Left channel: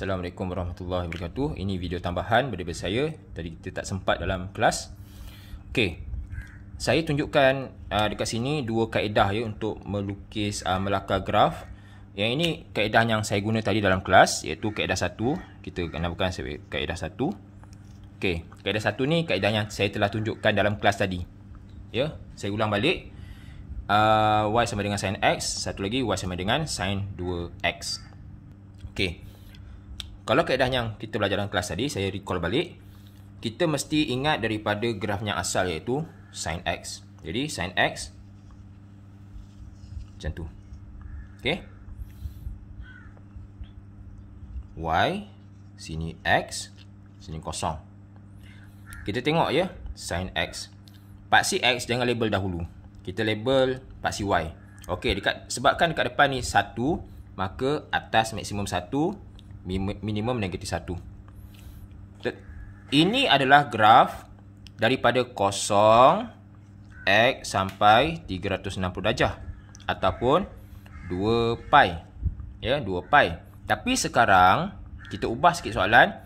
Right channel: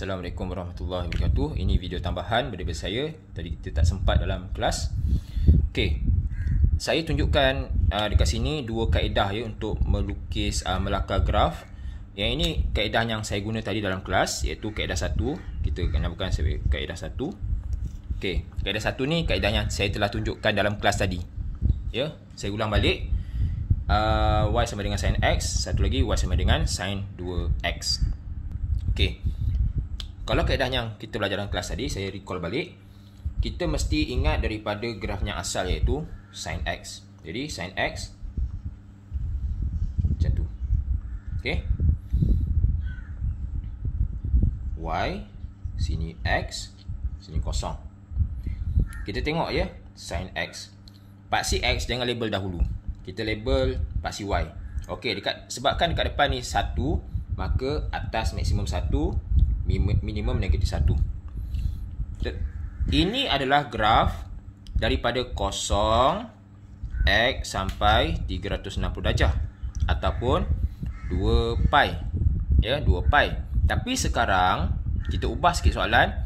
Assalamualaikum warahmatullahi wabarakatuh. Ini video tambahan daripada saya. Tadi kita tak sempat dalam kelas. Okey. Saya tunjukkan dekat sini dua kaedah ya untuk melukis melakar graf. Yang ini kaedah yang saya guna tadi dalam kelas, iaitu kaedah 1. Kita namakan sebagai kaedah 1. Okey, kaedah 1 ni kaedah yang saya telah tunjukkan dalam kelas tadi. Ya, saya ulang balik. Y sama dengan sin X, satu lagi Y sama dengan sin 2X. Okey. Kalau kaedah yang kita belajar dalam kelas tadi, saya recall balik, kita mesti ingat daripada graf yang asal, iaitu sin X. Jadi sin X macam tu. Okey. Y, sini X, sini kosong. Kita tengok ya, sin X. Paksi X jangan label dahulu. Kita label paksi Y. Okey, sebabkan dekat depan ni 1, maka atas maksimum 1, minimum negatif 1. Ini adalah graf daripada 0 X sampai 360 darjah ataupun 2 pi. Ya, 2 pi. Tapi sekarang kita ubah sikit soalan.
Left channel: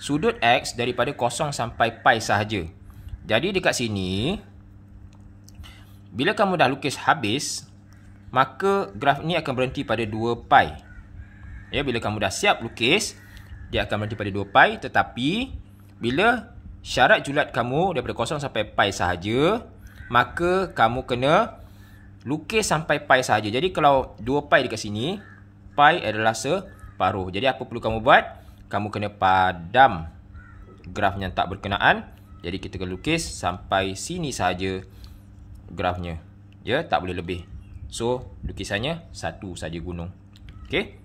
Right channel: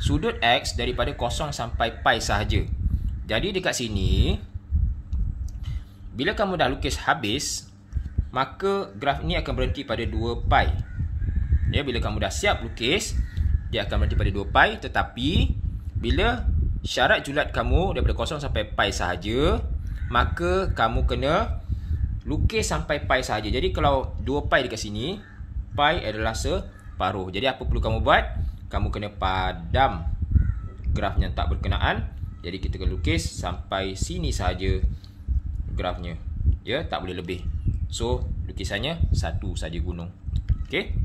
Sudut X daripada 0 sampai pi sahaja. Jadi dekat sini, bila kamu dah lukis habis, maka graf ni akan berhenti pada 2 pi. Ya, bila kamu dah siap lukis, dia akan berhenti pada 2 pi. Tetapi bila syarat julat kamu daripada 0 sampai pi sahaja, maka kamu kena lukis sampai pi sahaja. Jadi kalau 2 pi dekat sini, pi adalah separuh. Jadi apa perlu kamu buat? Kamu kena padam graf yang tak berkenaan. Jadi kita kena lukis sampai sini sahaja grafnya. Ya, tak boleh lebih. So lukisannya satu saja gunung. Okey.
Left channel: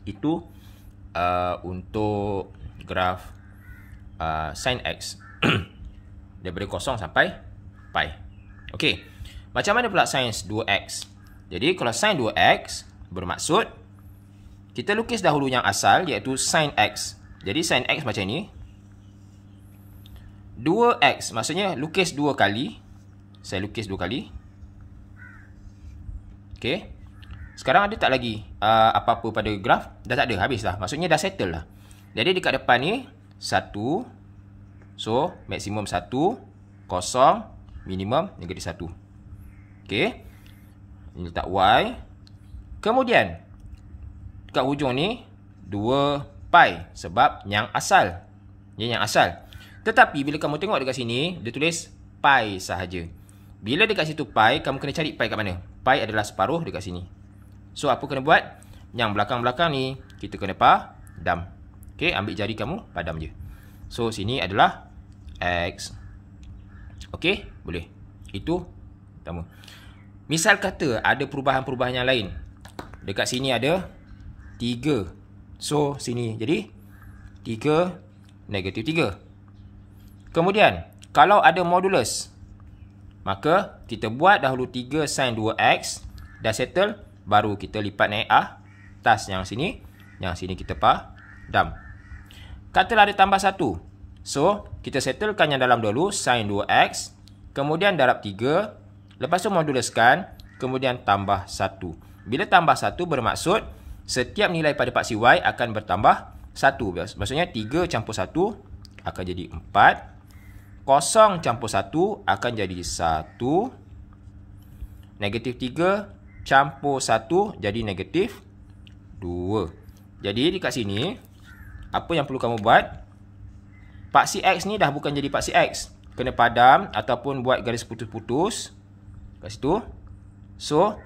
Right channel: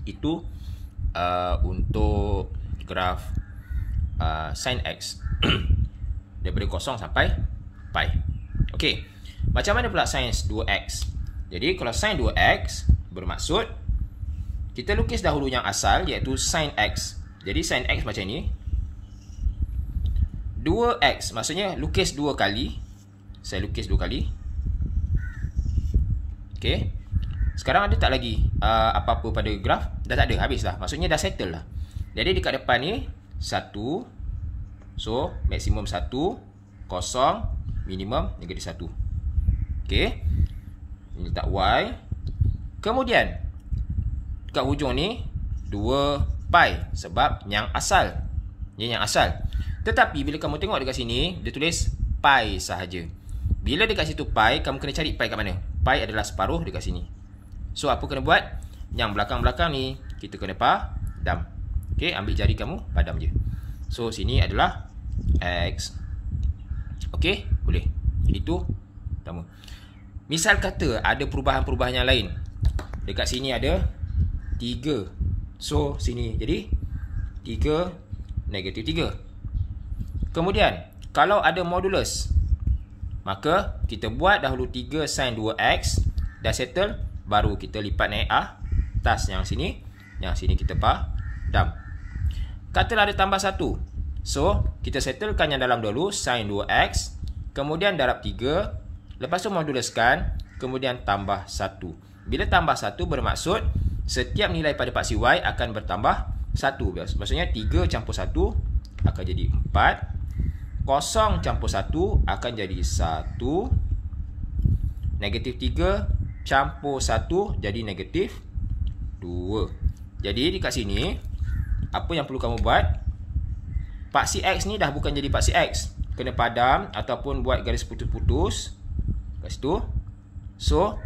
Itu untuk graf sin X daripada 0 sampai pi. Okey. Macam mana pula sin 2X? Jadi kalau sin 2X bermaksud kita lukis dahulu yang asal, iaitu sin X. Jadi sin X macam ni. 2X maksudnya lukis 2 kali. Saya lukis 2 kali. Okey. Sekarang ada tak lagi apa-apa pada graf? Dah tak ada, habis lah. Maksudnya dah settle lah. Jadi dekat depan ni 1. So maksimum 1, 0, minimum negatif 1. Okey. Ini letak Y. Kemudian dekat hujung ni 2 pi sebab yang asal. Ini yang asal. Tetapi bila kamu tengok dekat sini, dia tulis pi sahaja. Bila dekat situ pi, kamu kena cari pi kat mana? Pi adalah separuh dekat sini. So apa kena buat? Yang belakang-belakang ni kita kena padam. Okey, ambil jari kamu, padam je. So sini adalah X. Okey, boleh. Itu pertama. Misal kata ada perubahan-perubahan yang lain. Dekat sini ada 3. So sini jadi 3 negatif 3. Kemudian kalau ada modulus, maka kita buat dahulu 3 sin 2X. Dah settle, baru kita lipat naik atas yang sini. Yang sini kita padam. Katalah ada tambah 1. So kita settlekan yang dalam dulu, sin 2X. Kemudian darab 3. Lepas tu moduluskan. Kemudian tambah 1. Bila tambah 1 bermaksud setiap nilai pada paksi Y akan bertambah 1. Maksudnya 3 campur 1 akan jadi 4. 0 campur 1 akan jadi 1. Negatif 3 campur 1 jadi negatif 2. Jadi dekat sini, apa yang perlu kamu buat? Paksi X ni dah bukan jadi paksi X. Kena padam ataupun buat garis putus-putus kat situ. So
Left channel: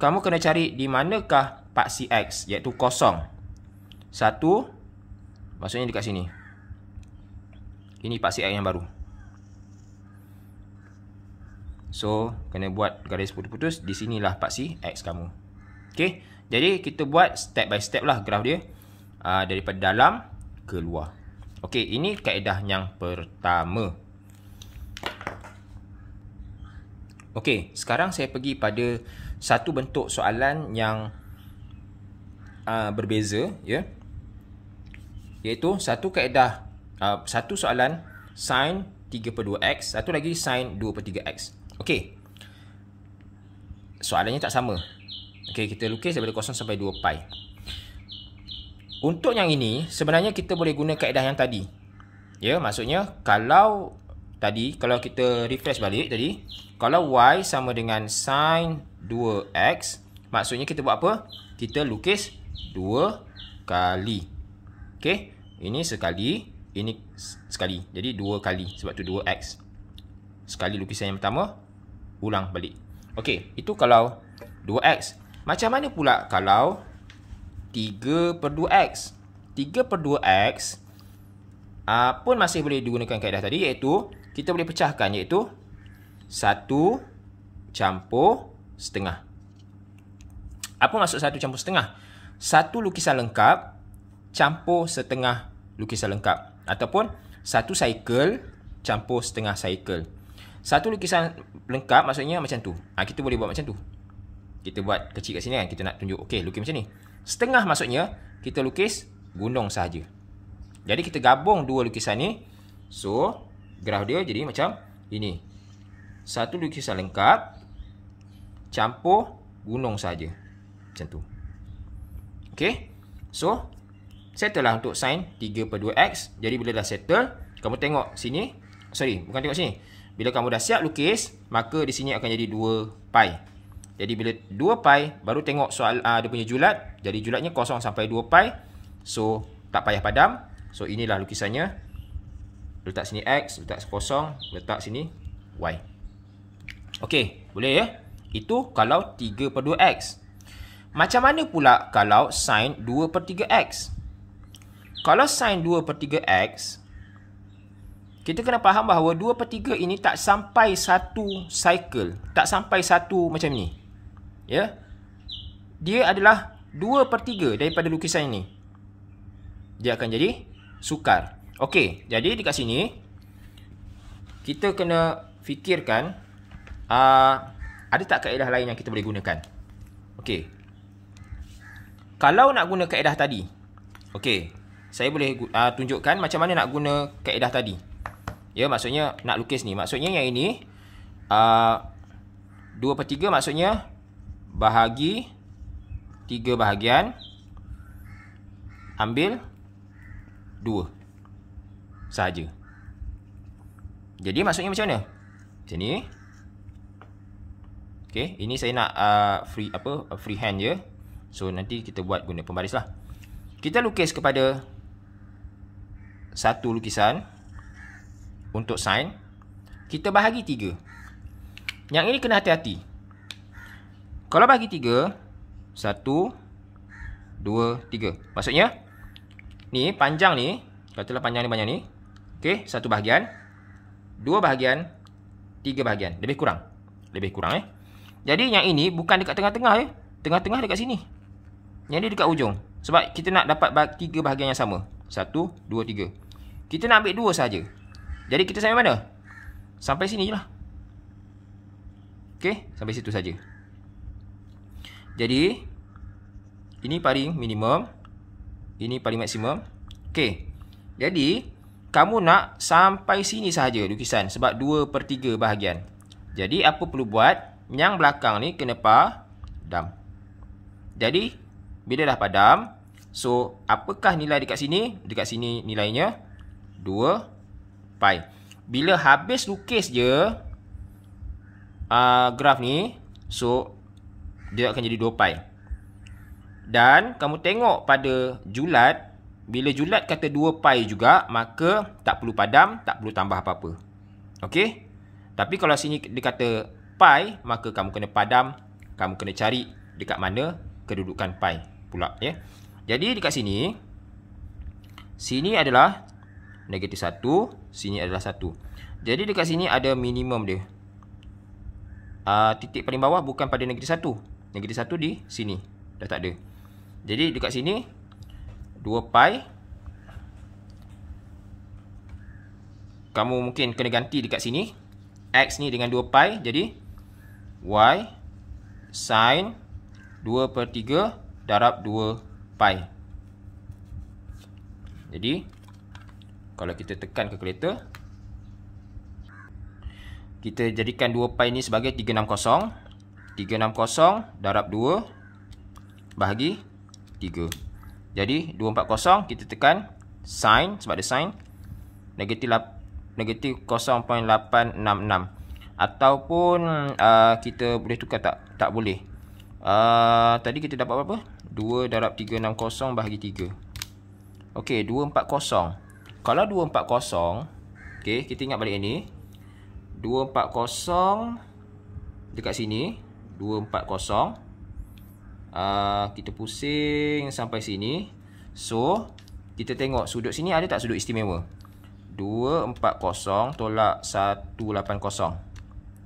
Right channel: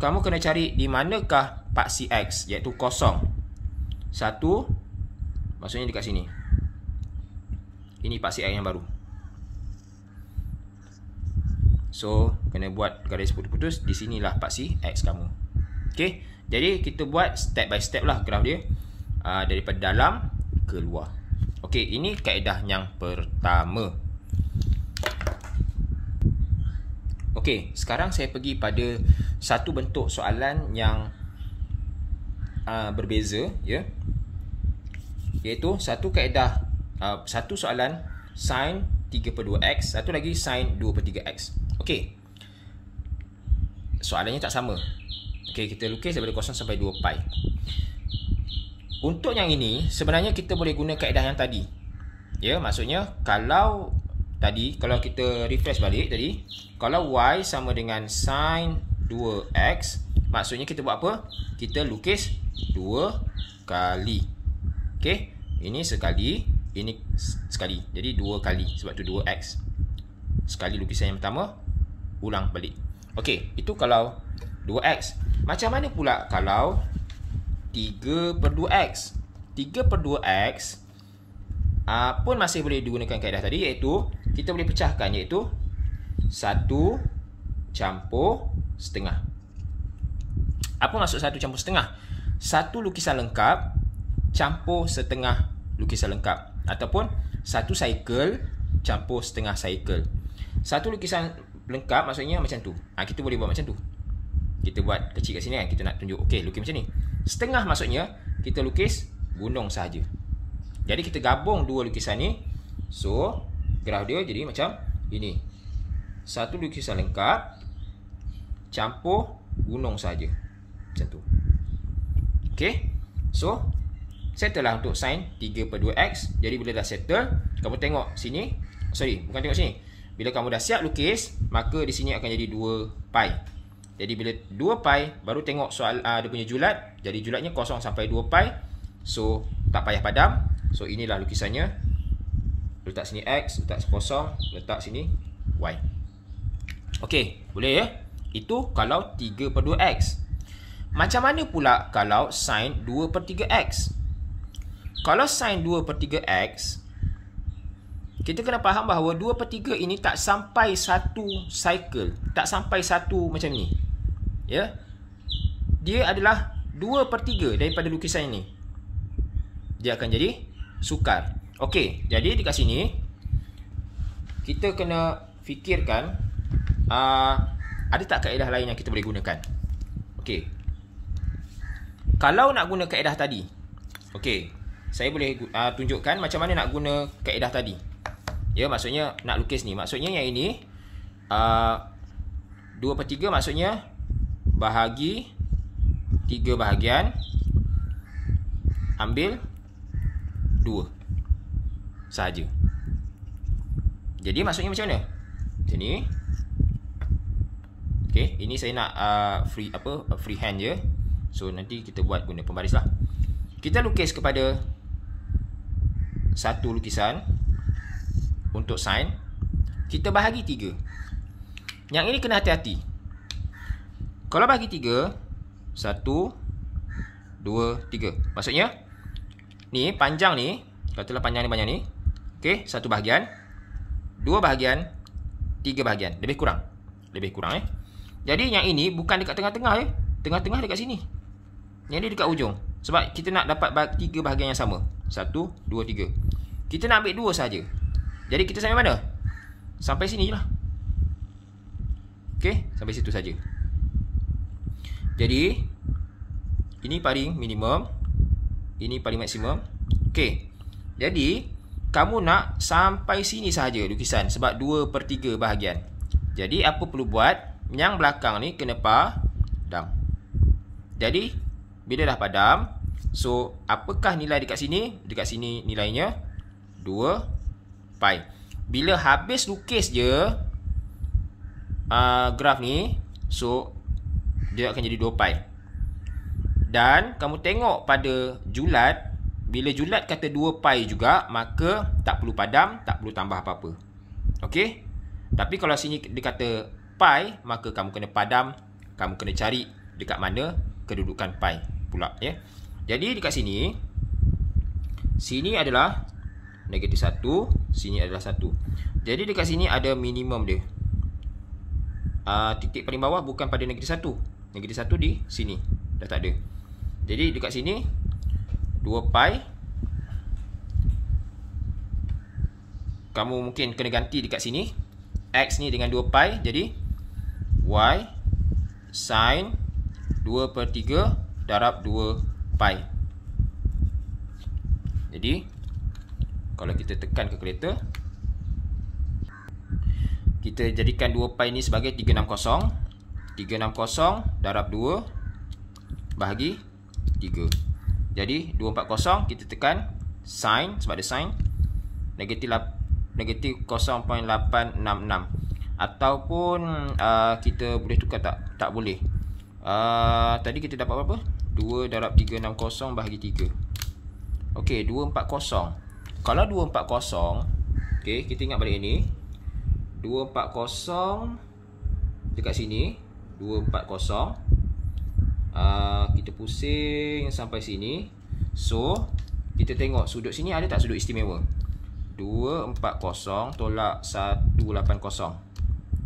kamu kena cari di manakah paksi X, iaitu 0. 1 maksudnya dekat sini. Ini paksi X yang baru. So kena buat garis putus-putus. Di sinilah paksi X kamu. Okey. Jadi kita buat step by step lah graf dia, daripada dalam ke luar. Okey, ini kaedah yang pertama. Okey, sekarang saya pergi pada satu bentuk soalan yang berbeza, ya. Iaitu satu kaedah, satu soalan sin 3/2x, satu lagi sin 2/3x. Okey. Soalannya tak sama. Okey, kita lukis daripada 0 sampai 2 pi. Untuk yang ini, sebenarnya kita boleh guna kaedah yang tadi. Ya, maksudnya kalau tadi, kalau kita refresh balik tadi, kalau Y sama dengan sin 2X, maksudnya kita buat apa? Kita lukis 2 kali. Okey, ini sekali, ini sekali. Jadi 2 kali, sebab tu 2X. Sekali lukisan yang pertama, ulang balik. Okey, itu kalau 2X. Macam mana pula kalau 3/2X? 3/2X pun masih boleh digunakan kaedah tadi, iaitu kita boleh pecahkan, iaitu 1 campur setengah. Apa maksud 1 campur setengah? Satu lukisan lengkap campur setengah lukisan lengkap, ataupun satu cycle campur setengah cycle. Satu lukisan lengkap maksudnya macam tu. Kita boleh buat macam tu. Kita buat kecil kat sini kan, kita nak tunjuk okey lukis macam ni. Setengah maksudnya kita lukis gunung sahaja. Jadi kita gabung dua lukisan ni. So graf dia jadi macam ini. Satu lukisan lengkap campur gunung sahaja. Macam tu. Okey. So settle lah untuk sin 3/2x. Jadi bila dah settle, kamu tengok sini. Sorry, bukan tengok sini. Bila kamu dah siap lukis, maka di sini akan jadi 2 pi. Jadi bila 2 pi, baru tengok soal dia punya julat. Jadi julatnya 0 sampai 2 pi. So tak payah padam. So inilah lukisannya. Letak sini x, letak 0, letak sini y. Okey, boleh ya? Itu kalau 3/2x. Macam mana pula kalau sin 2/3x? Kalau sin 2/3x, kita kena faham bahawa 2/3 ini tak sampai satu cycle. Tak sampai satu macam ni. Ya, dia adalah 2/3 daripada lukisan ini. Dia akan jadi sukar. Okey, jadi dekat sini kita kena fikirkan ada tak kaedah lain yang kita boleh gunakan. Okey, kalau nak guna kaedah tadi, okey, saya boleh tunjukkan macam mana nak guna kaedah tadi. Ya, maksudnya nak lukis ni. Maksudnya yang ini 2/3 maksudnya bahagi 3 bahagian, ambil 2 sahaja. Jadi maksudnya macam mana? Macam ni. Okey, ini saya nak free hand je. So nanti kita buat guna pembaris lah. Kita lukis kepada satu lukisan untuk sin. Kita bahagi 3. Yang ini kena hati-hati. Kalau bagi 3, 1, 2, 3. Maksudnya ni panjang ni, katalah panjang ni banyak ni. Okey, 1 bahagian, 2 bahagian, 3 bahagian. Lebih kurang. Lebih kurang Jadi yang ini bukan dekat tengah-tengah Tengah-tengah dekat sini. Yang ni dekat ujung. Sebab kita nak dapat 3 bahagian yang sama. 1, 2, 3. Kita nak ambil 2 saja. Jadi kita sampai mana? Sampai sini je lah. Okey, sampai situ saja. Jadi ini paling minimum, ini paling maksimum. Okey. Jadi kamu nak sampai sini sahaja lukisan sebab 2/3 bahagian. Jadi apa perlu buat? Yang belakang ni kena padam. Jadi bila dah padam, so apakah nilai dekat sini? Dekat sini nilainya 2 pi. Bila habis lukis je graf ni, so dia akan jadi 2 pi. Dan kamu tengok pada julat, bila julat kata 2 pi juga, maka tak perlu padam, tak perlu tambah apa-apa. Okey? Tapi kalau sini dia kata pi, maka kamu kena padam, kamu kena cari dekat mana kedudukan pi pula ya. Jadi dekat sini, sini adalah negatif 1, sini adalah 1. Jadi dekat sini ada minimum dia. Titik paling bawah bukan pada negatif 1. Negatif 1 di sini. Dah tak ada. Jadi dekat sini 2 pi. Kamu mungkin kena ganti dekat sini. X ni dengan 2 pi. Jadi Y sin 2/3 darab 2 pi. Jadi kalau kita tekan kalkulator, kita jadikan 2 pi ni sebagai 360. 360 darab 2 bahagi 3. Jadi 240 kita tekan sin, sebab ada sin, negatif 0.866. Ataupun kita boleh tukar tak? Tak boleh. Tadi kita dapat berapa? 2 darab 360 bahagi 3. Okey, 240. Kalau 240, okey, kita ingat balik ini. 240 dekat sini, 240. Kita pusing sampai sini. So, kita tengok sudut sini ada tak sudut istimewa? 240 tolak 180.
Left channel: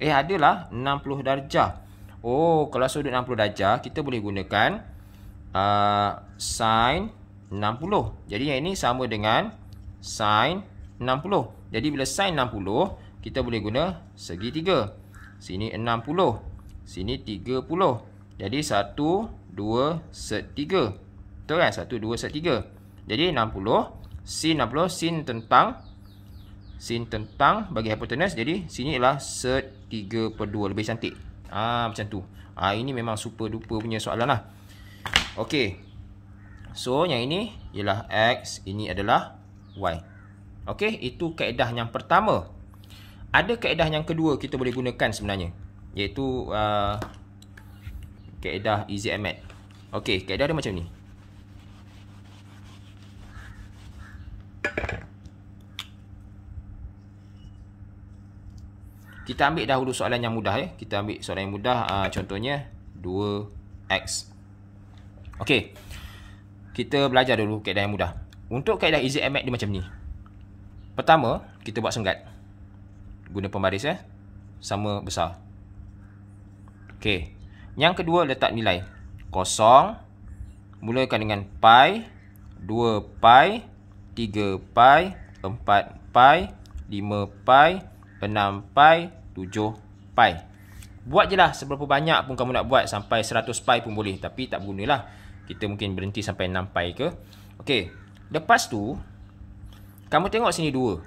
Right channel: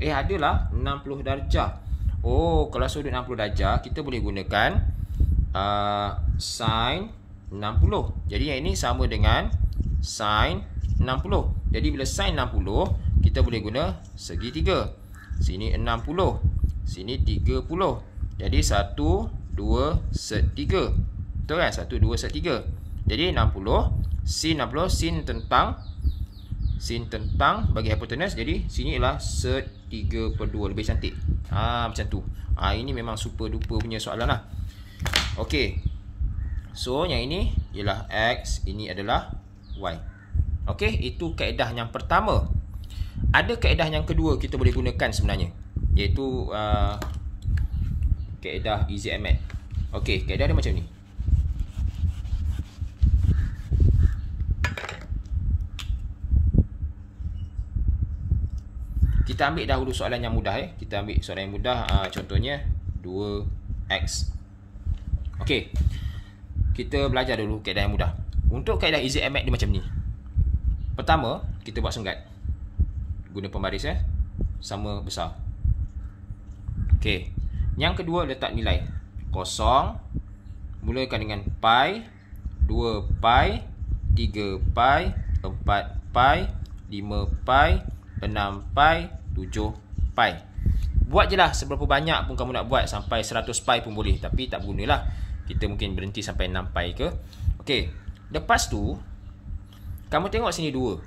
Adalah 60 darjah. Oh, kalau sudut 60 darjah, kita boleh gunakan sin 60. Jadi yang ini sama dengan sin 60. Jadi bila sin 60, kita boleh guna segitiga. Sini 60, sini 30. Jadi 1, 2, set 3. Betul kan? 1, 2, set 3. Jadi 60, sin 60, sin tentang bagi hipotenus. Jadi sini ialah set 3/2. Lebih cantik. Macam tu. Ini memang super duper punya soalan lah. Okey. So yang ini ialah X, ini adalah Y. Okey, itu kaedah yang pertama. Ada kaedah yang kedua kita boleh gunakan sebenarnya, iaitu kaedah EZMAT. Okey, kaedah dia macam ni. Kita ambil dahulu soalan yang mudah ya. Kita ambil soalan yang mudah, contohnya 2x. Okey. Kita belajar dulu kaedah yang mudah. Untuk kaedah EZMAT dia macam ni. Pertama, kita buat senggat. Guna pembaris sama besar. Okey. Yang kedua, letak nilai. Kosong. Mulakan dengan pi, 2 pi, 3 pi, 4 pi, 5 pi, 6 pi, 7 pi. Buat je lah seberapa banyak pun kamu nak buat. Sampai 100 pi pun boleh. Tapi tak berguna lah. Kita mungkin berhenti sampai 6 pi ke. Okey. Lepas tu, kamu tengok sini 2.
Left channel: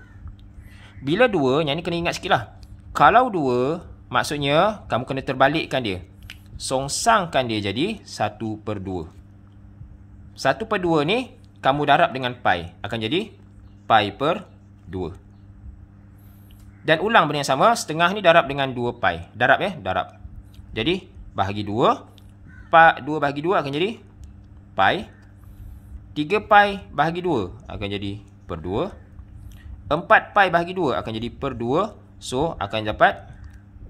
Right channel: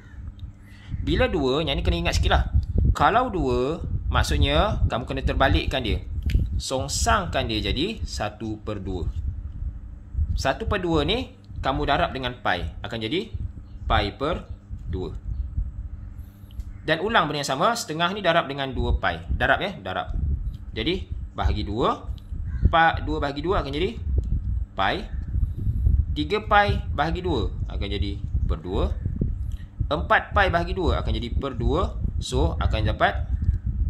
Bila 2, yang ni kena ingat sikit lah. Kalau 2, maksudnya kamu kena terbalikkan dia. Songsangkan dia jadi 1/2. 1/2 ni kamu darab dengan pi. Akan jadi pi/2. Dan ulang benda yang sama. Setengah ni darab dengan 2 pi. Darab darab. Jadi bahagi 2. 2 bahagi 2 akan jadi pi. 3 pi bahagi 2 akan jadi per 2. 4 pi bahagi 2 akan jadi per 2. So akan dapat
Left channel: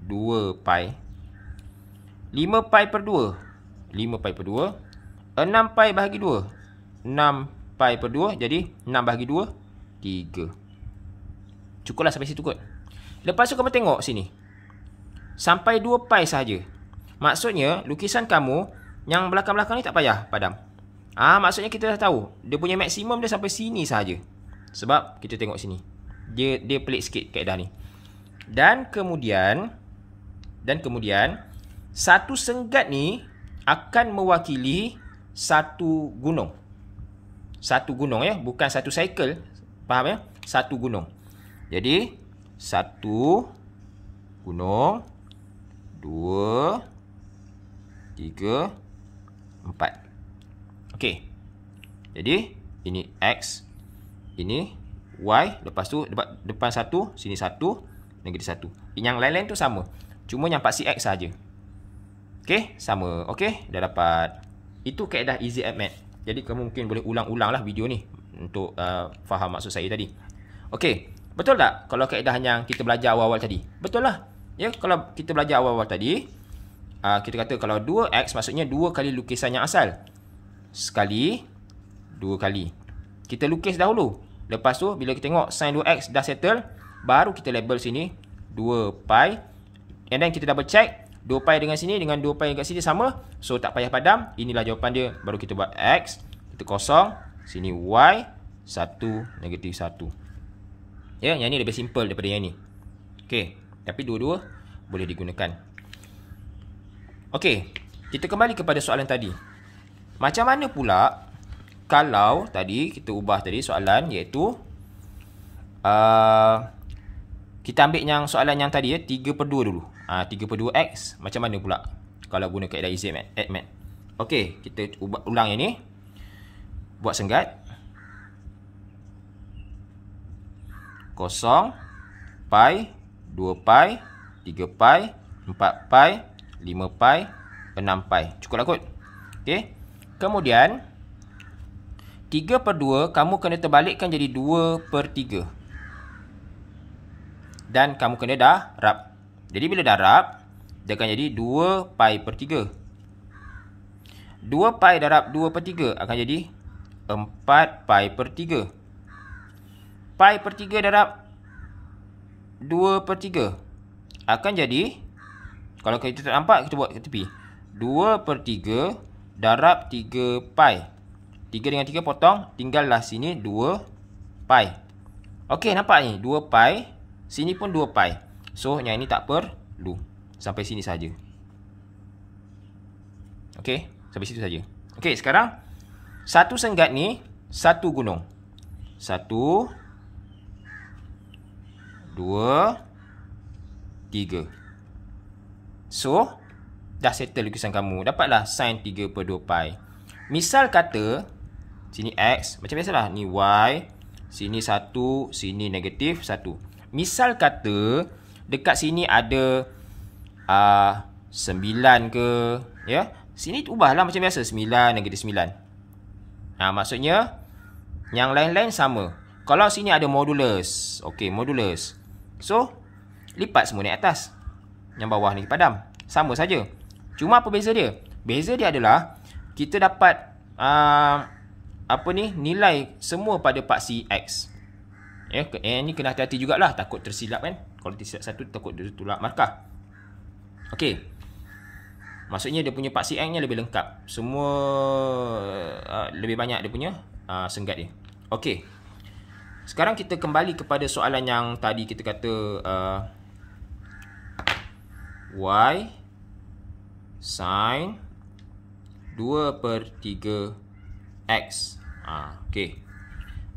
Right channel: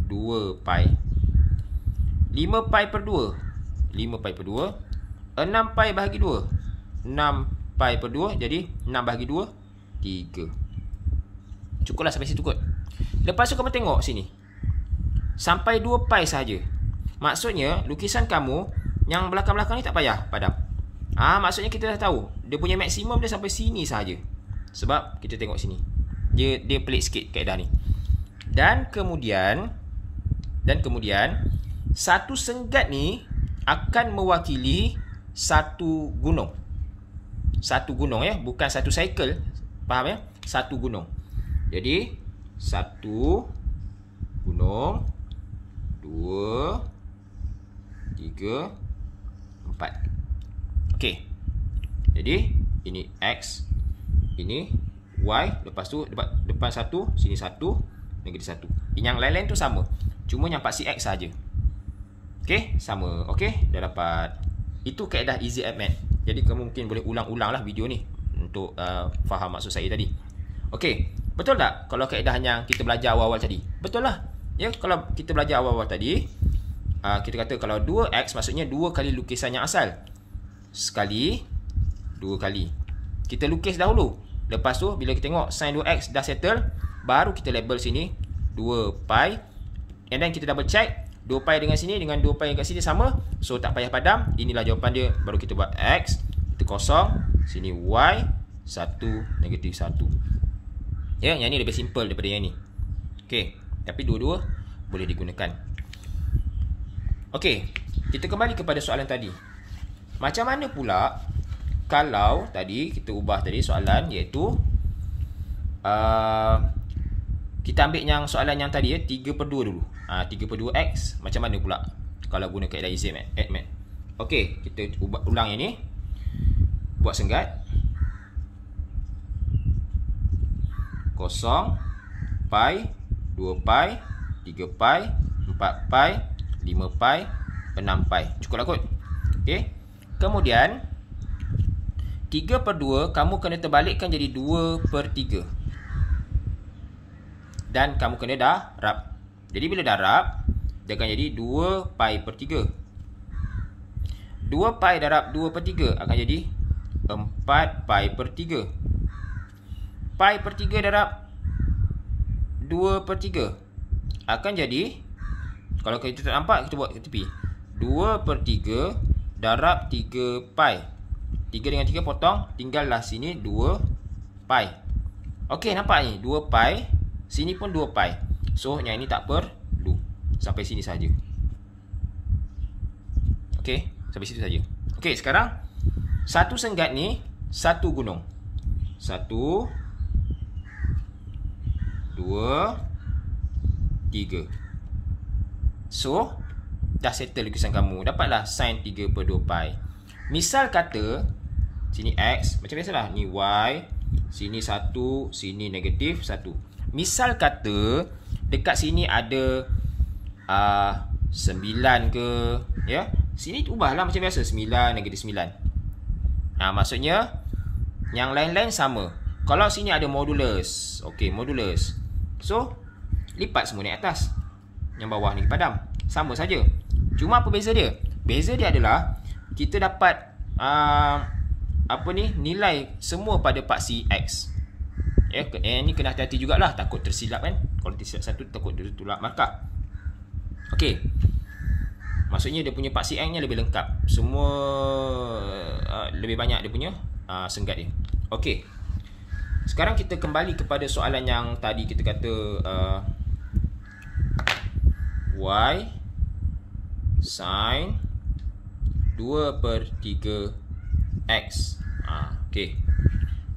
2 pi. 5 pi per 2, 5 pi per 2. 6 pi bahagi 2, 6 pi per 2. Jadi 6 bahagi 2, 3. Cukuplah sampai situ kot. Lepas tu kamu tengok sini. Sampai 2 pi sahaja. Maksudnya lukisan kamu yang belakang-belakang ni tak payah padam. Maksudnya kita dah tahu dia punya maksimum dia sampai sini sahaja. Sebab kita tengok sini. Dia pelik sikit kaedah ni. Dan kemudian satu senggat ni akan mewakili satu gunung. Satu gunung bukan satu cycle. Faham Satu gunung. Jadi satu gunung, 2, 3, 4. Okey. Jadi ini X, ini Y, lepas tu depan 1, sini 1, negatif 1. Yang lain-lain tu sama. Cuma yang pasti X saja. Okey, sama. Okey, dah dapat. Itu kaedah EZMAT. Jadi kamu mungkin boleh ulang-ulang lah video ni untuk faham maksud saya tadi. Okey, betul tak kalau kaedah yang kita belajar awal-awal tadi? Betul lah. Ya, kalau kita belajar awal-awal tadi, kita kata kalau 2x maksudnya 2 kali lukisan yang asal. Sekali, 2 kali. Kita lukis dahulu. Lepas tu bila kita tengok sin 2x dah settle, baru kita label sini 2 pi. And then kita double check 2 pi dengan sini dengan 2 pi kat sini sama. So tak payah padam. Inilah jawapan dia. Baru kita buat X. Kita kosong. Sini Y. 1, negatif 1. Ya, yang ni lebih simple daripada yang ni. Okey. Tapi dua-dua boleh digunakan. Okey. Kita kembali kepada soalan tadi. Macam mana pula kalau tadi kita ubah tadi soalan iaitu kita ambil yang soalan yang tadi 3/2 dulu. 3/2x macam mana pula kalau guna kaedah EZMAT? Okey, kita ulang yang ni. buat senggat. 0, pi, 2 pi, 3 pi, 4 pi, 5 pi, 6 pi. Cukuplah kot. Okey. Kemudian 3/2 kamu kena terbalikkan jadi 2/3. Dan kamu kena darab. Jadi bila darab, dia akan jadi 2 pi per 3. 2 pi darab 2/3 akan jadi 4 pi per 3. Pi per 3 darab 2/3 akan jadi, kalau kita tak nampak, kita buat ke tepi. 2/3 darab 3 pi. 3 dengan 3 potong, tinggallah sini 2 pi. Okey, nampak ni 2 pi, sini pun 2 pi. So yang ini tak perlu. Sampai sini saja. Okey, sampai situ saja. Okey, sekarang satu senggat ni satu gunung. 1, 2, 3. So dah settle lukisan kamu. Dapatlah sin 3/2 pi. Misal kata sini X, macam biasalah, ni Y, sini 1, sini negatif 1. Misal kata dekat sini ada 9 ke, ya. Sini ubahlah macam biasa, 9, negatif 9. Maksudnya yang lain-lain sama. Kalau sini ada modulus, okey, modulus. So lipat semua naik atas. Yang bawah ni padam. Sama saja. Cuma apa beza dia? Beza dia adalah kita dapat nilai semua pada paksi X. Ni kena hati-hati jugalah, takut tersilap kan. Kalau tersilap satu, takut dia tolak markah. Okey. Maksudnya dia punya paksi X ni lebih lengkap. Semua lebih banyak dia punya senggat dia. Okey. Sekarang kita kembali kepada soalan yang tadi kita kata Y sin 2/3 X. Okey.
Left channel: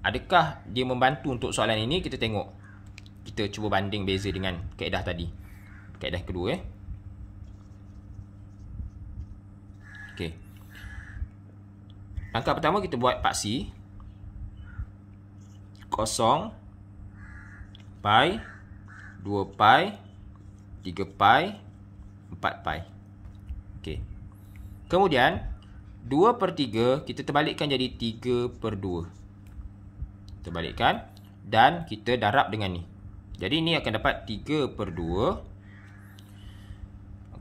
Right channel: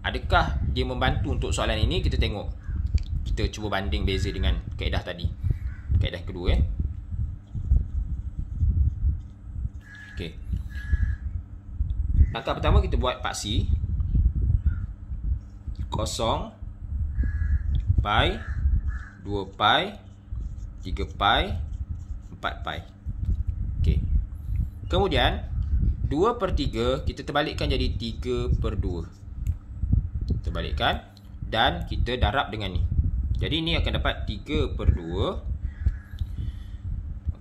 Adakah dia membantu untuk soalan ini? Kita tengok. Kita cuba banding beza dengan kaedah tadi. Kaedah kedua Okey. Langkah pertama kita buat paksi. 0, pi, 2 pi, 3 pi, 4 pi. Okey. Kemudian 2/3 kita terbalikkan jadi 3/2. Terbalikkan dan kita darab dengan ni. Jadi ni akan dapat 3/2.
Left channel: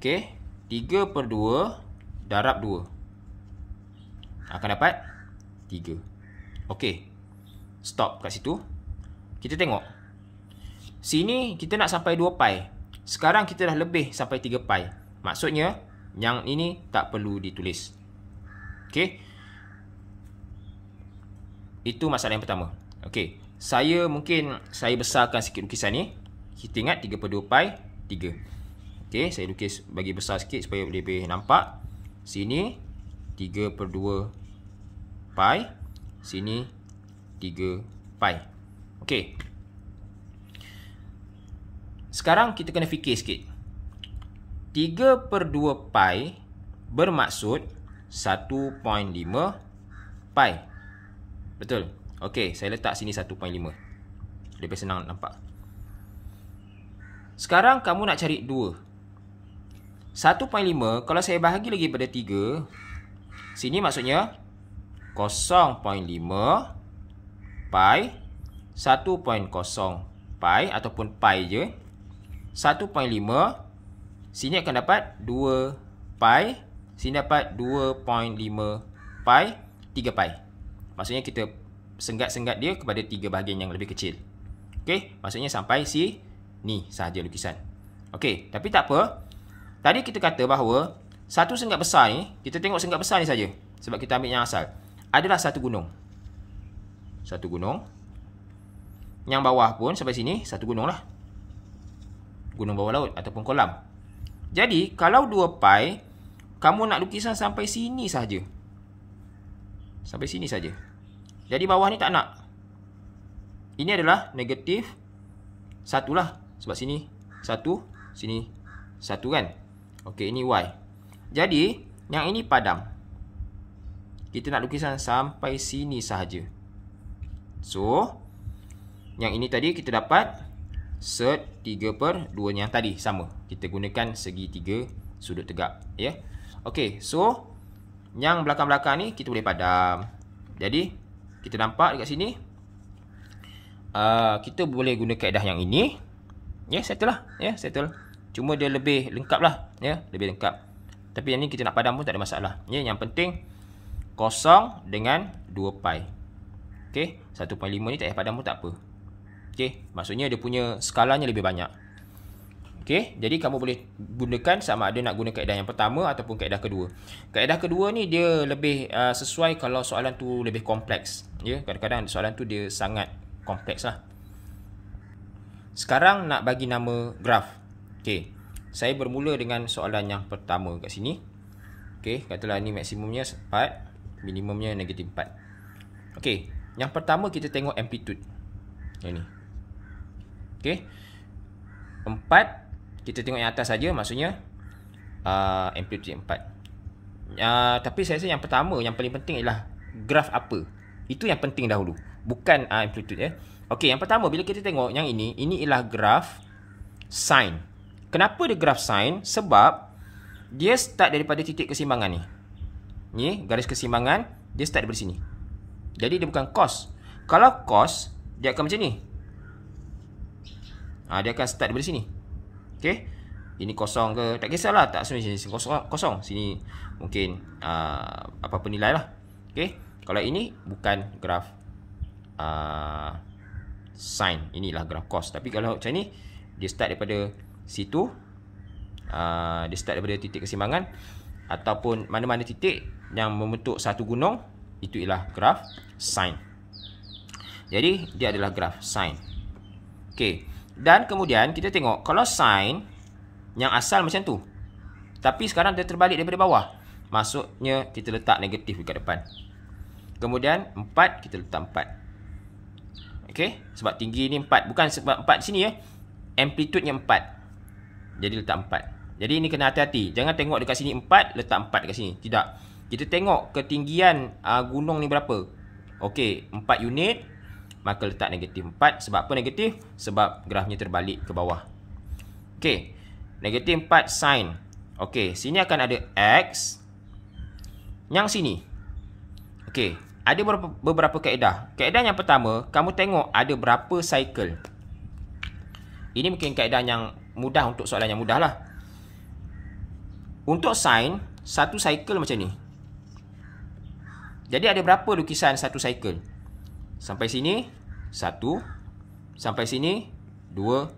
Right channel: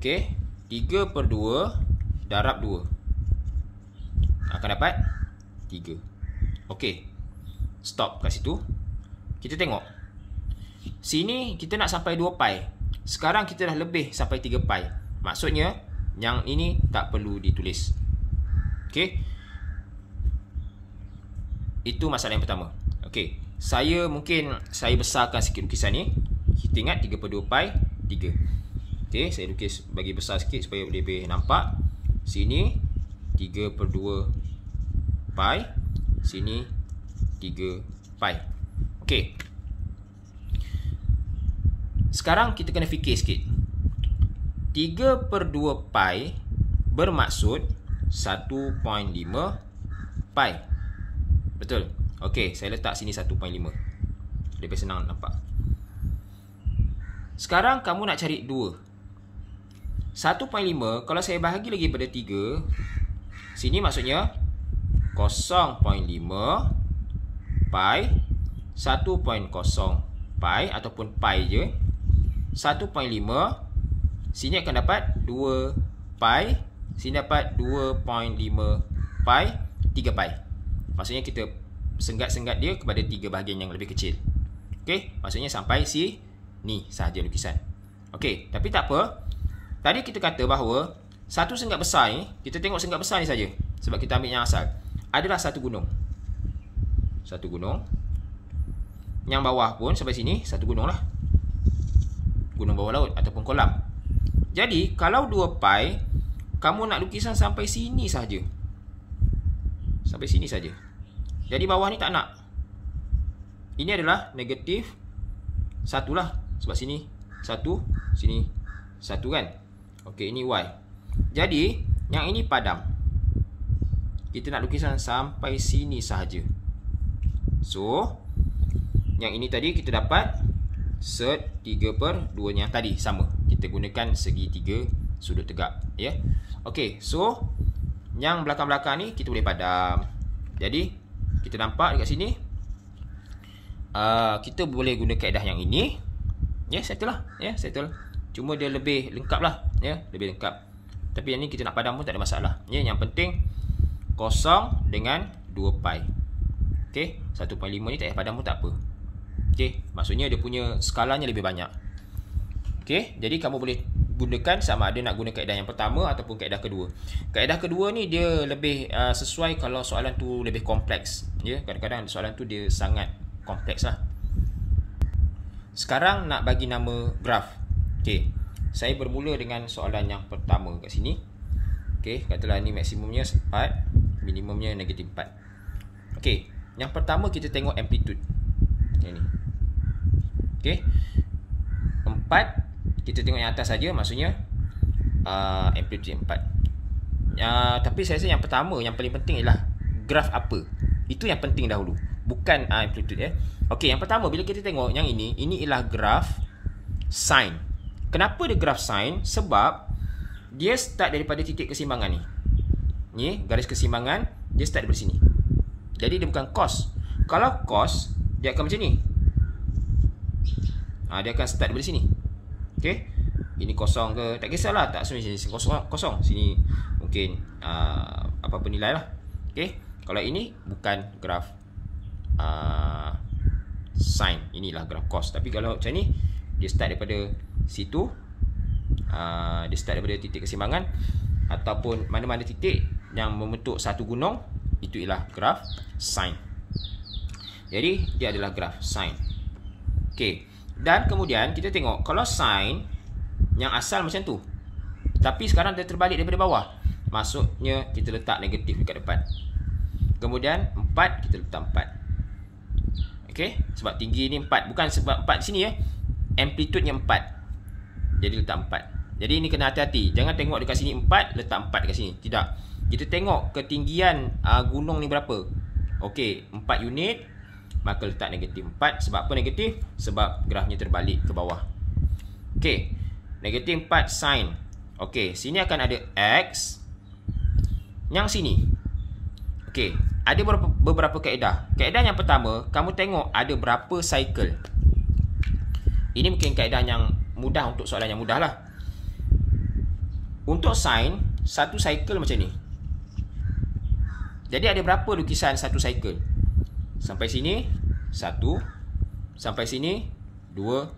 Okey, 3/2 darab 2 akan dapat 3. Okey. Stop kat situ. Kita tengok. Sini kita nak sampai 2 pi. Sekarang kita dah lebih sampai 3 pi. Maksudnya yang ini tak perlu ditulis. Okey. Itu masalah yang pertama. Okey. Saya besarkan sikit lukisan ni. Kita ingat 3/2 pi 3. Okey, saya lukis bagi besar sikit supaya lebih nampak. Sini 3/2 pi. Sini 3 pi. Okey. Sekarang kita kena fikir sikit. 3/2 pi bermaksud 1.5 pi. Betul? Okey, saya letak sini 1.5. Lebih senang nampak. Sekarang kamu nak cari 2. 1.5 kalau saya bahagi lagi pada 3, sini maksudnya 0.5 pi, 1.0 pi ataupun pi je. 1.5 sini akan dapat 2 pi, sini dapat 2.5 pi, 3 pi. Maksudnya kita senggat-senggat dia kepada 3 bahagian yang lebih kecil. Okey, maksudnya sampai sini sahaja lukisan. Okey, tapi tak apa. Tadi kita kata bahawa satu senggat besar ni, kita tengok senggat besar ni saja sebab kita ambil yang asal. Adalah satu gunung. Satu gunung. Yang bawah pun sampai sini satu gunung lah. Gunung bawah laut ataupun kolam. Jadi kalau 2 pi, kamu nak lukisan sampai sini saja. Sampai sini saja. Jadi bawah ni tak nak. Ini adalah negatif 1 lah. Sebab sini 1, sini 1 kan. Okey, ini Y. Jadi yang ini padam. kita nak lukiskan sampai sini sahaja. So, yang ini tadi kita dapat set 3/2 yang tadi sama. Kita gunakan segi 3 sudut tegak, ya. Okey, so yang belakang-belakang ni kita boleh padam. Jadi, kita nampak dekat sini kita boleh guna kaedah yang ini. Ya, settle lah. Ya, settle. Cuma dia lebih lengkap lah, ya, lebih lengkap. Tapi yang ni kita nak padam pun tak ada masalah. Ya, yang penting kosong dengan 2 pi. Okey, 1.5 ni tak payah padam pun tak apa. Okey, maksudnya dia punya skalanya lebih banyak. Okey, jadi kamu boleh gunakan sama ada nak guna kaedah yang pertama ataupun kaedah kedua. Kaedah kedua ni dia lebih sesuai kalau soalan tu lebih kompleks. Ya, kadang-kadang soalan tu dia sangat kompleks lah. Sekarang nak bagi nama graf. Okey, saya bermula dengan soalan yang pertama kat sini. Okey, katalah ni maksimumnya 4, minimumnya negatif 4. Okey, yang pertama kita tengok amplitude. Ini. Okey. 4 kita tengok yang atas saja, maksudnya amplitude 4. Tapi saya rasa yang pertama, yang paling penting ialah graf apa. Itu yang penting dahulu, bukan amplitude, ya. Okey, yang pertama bila kita tengok yang ini ialah graf sine. Kenapa dia graf sine? Sebab dia start daripada titik keseimbangan ni. Ni garis keseimbangan, dia start daripada sini. Jadi dia bukan cos. Kalau cos, dia akan macam ni. Dia akan start daripada sini. Okey. Ini kosong ke, tak kisahlah, tak semua sini kosong. Sini mungkin apa-apa nilai lah. Okey. Kalau ini bukan graf sine, inilah graf cos. Tapi kalau macam ni, dia start daripada situ, dia start daripada titik keseimbangan ataupun mana-mana titik yang membentuk satu gunung, itu ialah graf sine. Jadi dia adalah graf sine. Okey. Dan kemudian kita tengok kalau sine yang asal macam tu, tapi sekarang dia terbalik daripada bawah, maksudnya kita letak negatif dekat depan. Kemudian 4 kita letak 4. Okey, sebab tinggi ni 4, bukan sebab 4 sini, ya. Amplitude-nya 4. Jadi letak 4. Jadi ini kena hati-hati. Jangan tengok dekat sini 4, letak 4 dekat sini. Tidak. Kita tengok ketinggian gunung ni berapa. Okey, 4 unit, maka letak negatif 4. Sebab apa negatif? Sebab grafnya terbalik ke bawah. Okey, negatif 4 sin. Okey, sini akan ada X. Yang sini, okey, ada beberapa kaedah. Kaedah yang pertama, kamu tengok ada berapa cycle. Ini mungkin kaedah yang mudah untuk soalan yang mudah lah. Untuk sin, satu cycle macam ni. Jadi ada berapa lukisan satu cycle? Sampai sini 1, sampai sini 2,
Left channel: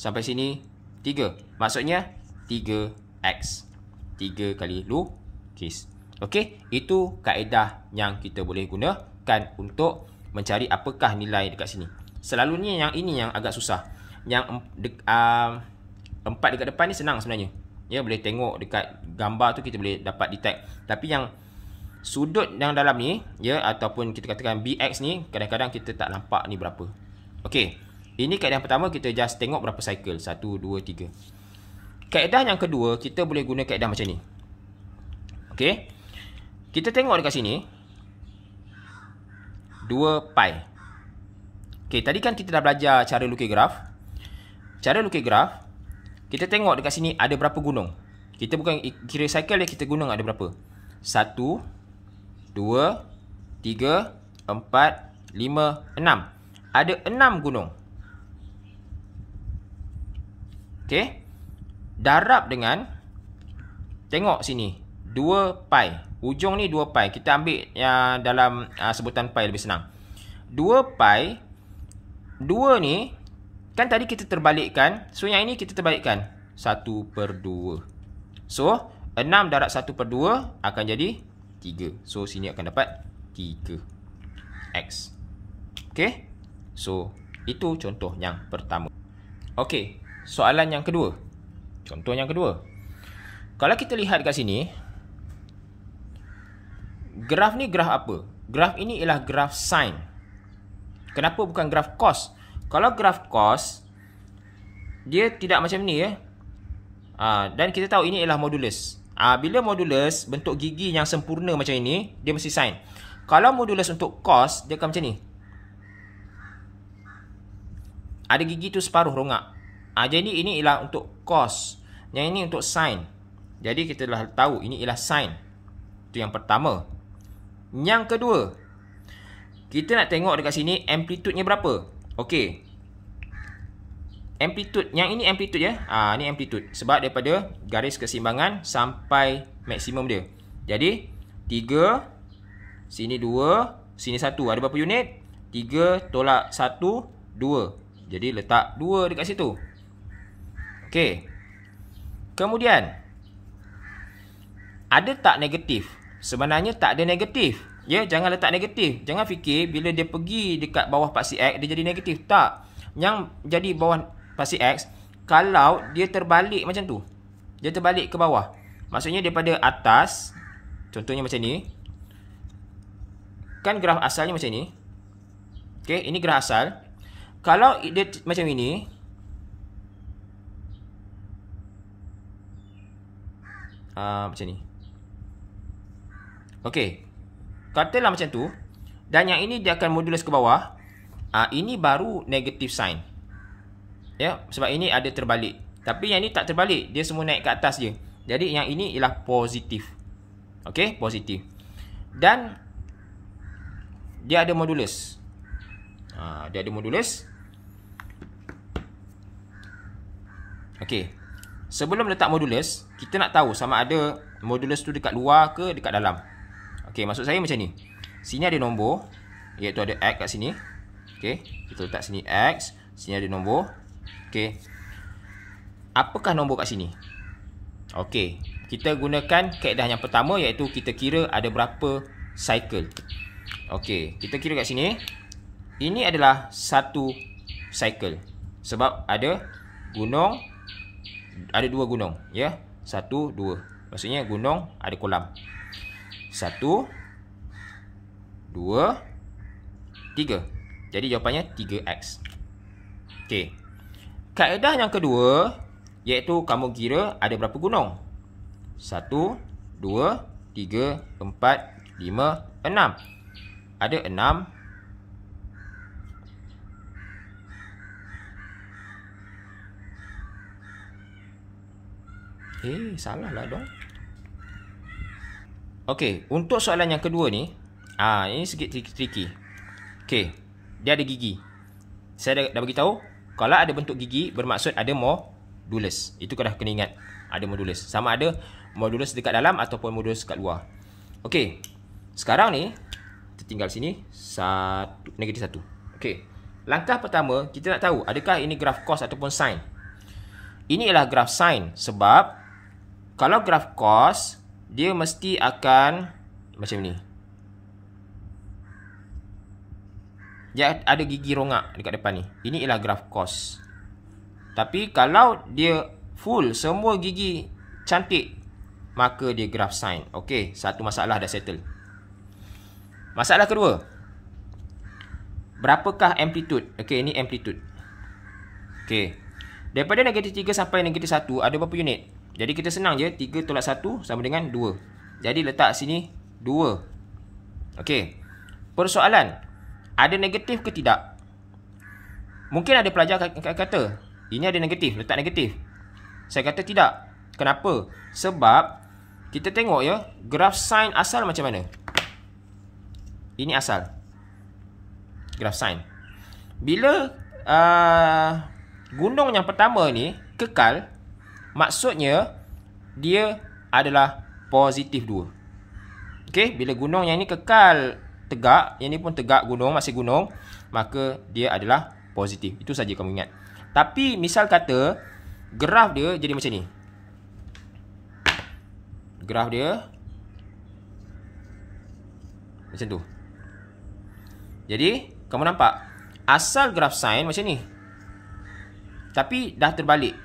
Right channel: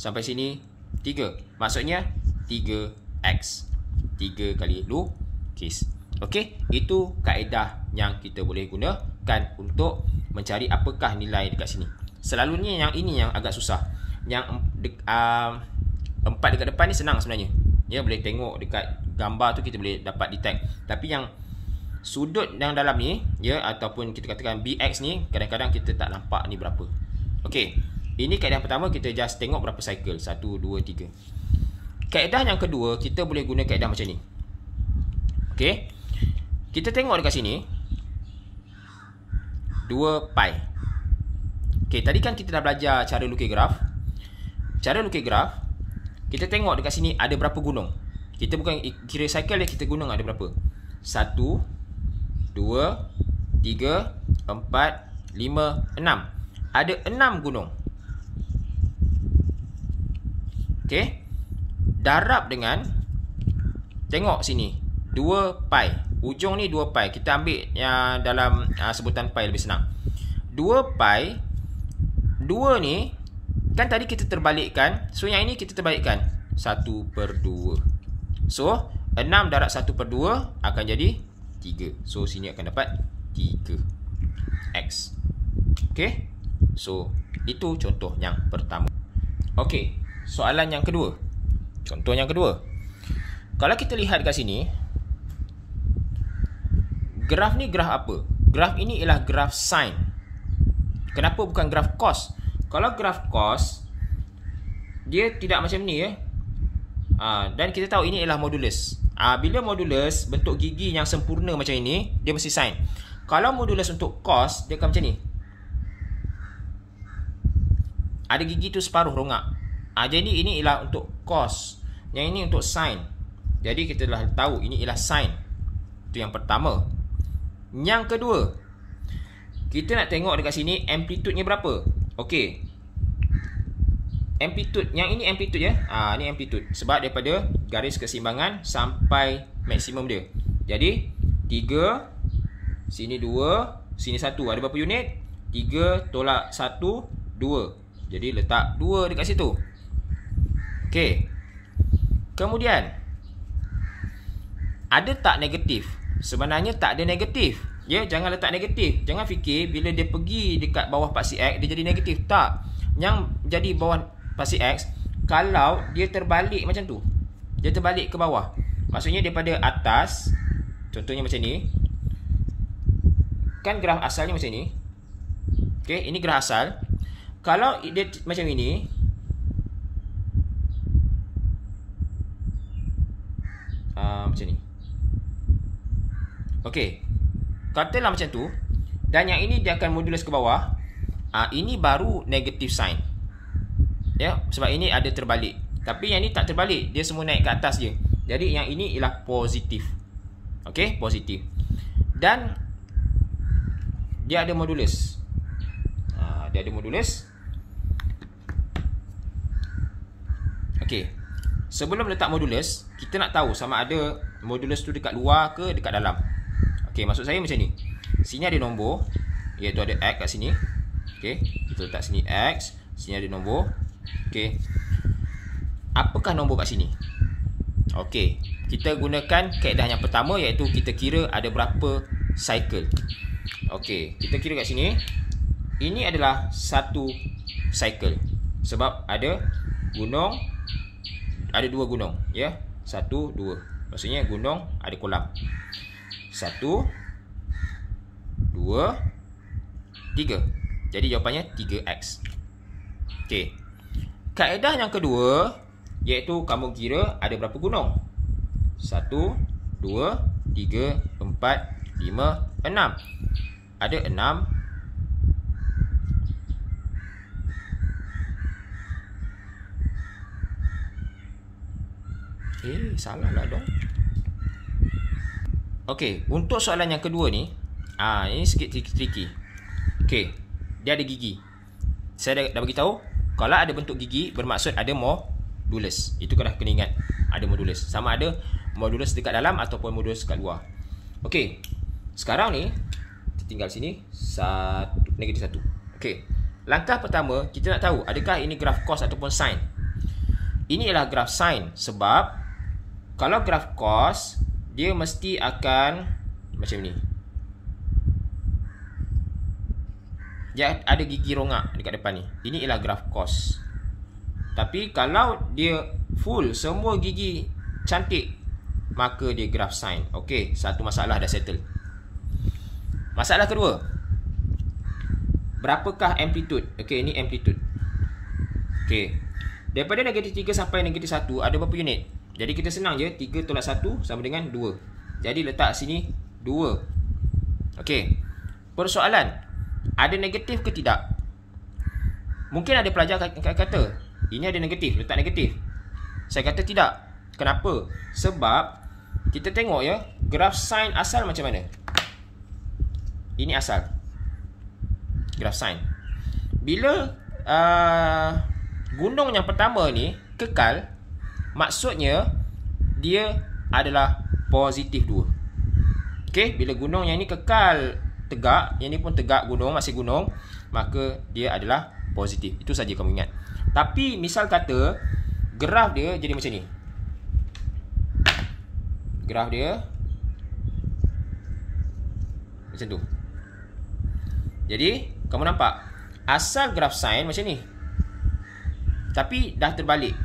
sampai sini 3. Maksudnya 3x. 3 kali lukis. Okey, itu kaedah yang kita boleh gunakan untuk mencari apakah nilai dekat sini. Selalunya yang ini yang agak susah. Yang 4 dekat depan ni senang sebenarnya. Ya, boleh tengok dekat gambar tu kita boleh dapat detect. Tapi yang sudut yang dalam ni, ya, ataupun kita katakan BX ni, kadang-kadang kita tak nampak ni berapa. Okey, ini kaedah pertama, kita just tengok berapa cycle. 1, 2, 3. Kaedah yang kedua, kita boleh guna kaedah macam ni. Okey, kita tengok dekat sini 2 pi. Okey, tadi kan kita dah belajar cara lukis graf. Cara lukis graf, kita tengok dekat sini ada berapa gunung. Kita bukan kira cycle dia, kita gunung ada berapa. 1, 2, 3, 4, 5, 6. Ada 6 gunung. Okey, darab dengan, tengok sini 2 pi. Ujung ni 2 pi. Kita ambil yang dalam sebutan pi lebih senang. 2 pi, 2 ni kan tadi kita terbalikkan. So yang ini kita terbalikkan 1/2. So 6 darab 1/2 akan jadi 3. So sini akan dapat 3x. Okey, so itu contoh yang pertama. Okey, soalan yang kedua. Contoh yang kedua, kalau kita lihat kat sini, graf ni graf apa? Graf ini ialah graf sine. Kenapa bukan graf cos? Kalau graf cos, dia tidak macam ni, ya. Dan kita tahu ini ialah modulus. Bila modulus bentuk gigi yang sempurna macam ini, dia mesti sin. Kalau modulus untuk cos, dia akan macam ni. Ada gigi tu separuh rongak. Jadi ini ialah untuk cos. Yang ini untuk sin. Jadi kita dah tahu ini ialah sin. Itu yang pertama. Yang kedua, kita nak tengok dekat sini amplitude-nya berapa. Okey. Amplitude, yang ini amplitude ya. Ni amplitude. Sebab daripada garis keseimbangan sampai maksimum dia. Jadi 3, sini 2, sini 1. Ada berapa unit? 3 tolak 1, 2. Jadi letak 2 dekat situ. Okey. Kemudian, ada tak negatif? Sebenarnya tak ada negatif. Ya, jangan letak negatif. Jangan fikir bila dia pergi dekat bawah paksi X, dia jadi negatif. Tak. Yang jadi bawah paksi X, kalau dia terbalik macam tu, dia terbalik ke bawah, maksudnya daripada atas, contohnya macam ni, kan graf asalnya macam ni. Okey, ini graf asal. Kalau dia macam ini, macam ni. Okey, katalah macam tu, dan yang ini dia akan modulus ke bawah. Ini baru negative sign. Ya, sebab ini ada terbalik. Tapi yang ini tak terbalik, dia semua naik ke atas je. Jadi yang ini ialah positif. Okey, positif. Dan dia ada modulus. Dia ada modulus. Okey. Sebelum letak modulus, kita nak tahu sama ada modulus tu dekat luar ke dekat dalam. Okey, maksud saya macam ni. Sini ada nombor, iaitu ada X kat sini. Okey, kita letak sini X, sini ada nombor. Okey. Apakah nombor kat sini? Okey, kita gunakan kaedah yang pertama, iaitu kita kira ada berapa cycle. Okey, kita kira kat sini. Ini adalah satu cycle. Sebab ada gunung, ada dua gunung, ya. 1, 2. Maksudnya gunung ada kolam. 1, 2, 3. Jadi jawapannya 3x. Okey. Kaedah yang kedua, iaitu kamu kira ada berapa gunung. 1, 2, 3, 4, 5, 6. Ada 6. Salah lah dong. Okey, untuk soalan yang kedua ni, ini sikit tricky. Okey, dia ada gigi. Saya dah bagi tahu, kalau ada bentuk gigi bermaksud ada modulus. Itu kau dah kena ingat. Ada modulus. Sama ada modulus dekat dalam ataupun modulus dekat luar. Okey. Sekarang ni kita tinggal sini negatif 1. Okey. Langkah pertama, kita nak tahu adakah ini graf cos ataupun sin. Ini ialah graf sin, sebab kalau graf cos, dia mesti akan macam ni. Dia ada gigi rongak dekat depan ni. Ini ialah graf cos. Tapi kalau dia full semua gigi cantik, maka dia graf sin. Okey, satu masalah dah settle. Masalah kedua, berapakah amplitude? Okey, ini amplitude. Okey, daripada negatif 3 sampai negatif 1 ada berapa unit? Jadi kita senang je, 3 tolak 1 sama dengan 2. Jadi letak sini 2. Okey, persoalan, ada negatif ke tidak? Mungkin ada pelajar kata, ini ada negatif, letak negatif. Saya kata tidak. Kenapa? Sebab kita tengok ya, graf sin asal macam mana. Ini asal graf sin. Bila gunung yang pertama ni kekal, maksudnya dia adalah positif 2. Okey, bila gunung yang ni kekal tegak, yang ni pun tegak gunung, masih gunung, maka dia adalah positif. Itu saja kamu ingat. Tapi misal kata graf dia jadi macam ni. Graf dia macam tu. Jadi kamu nampak asal graf sin macam ni, tapi dah terbalik.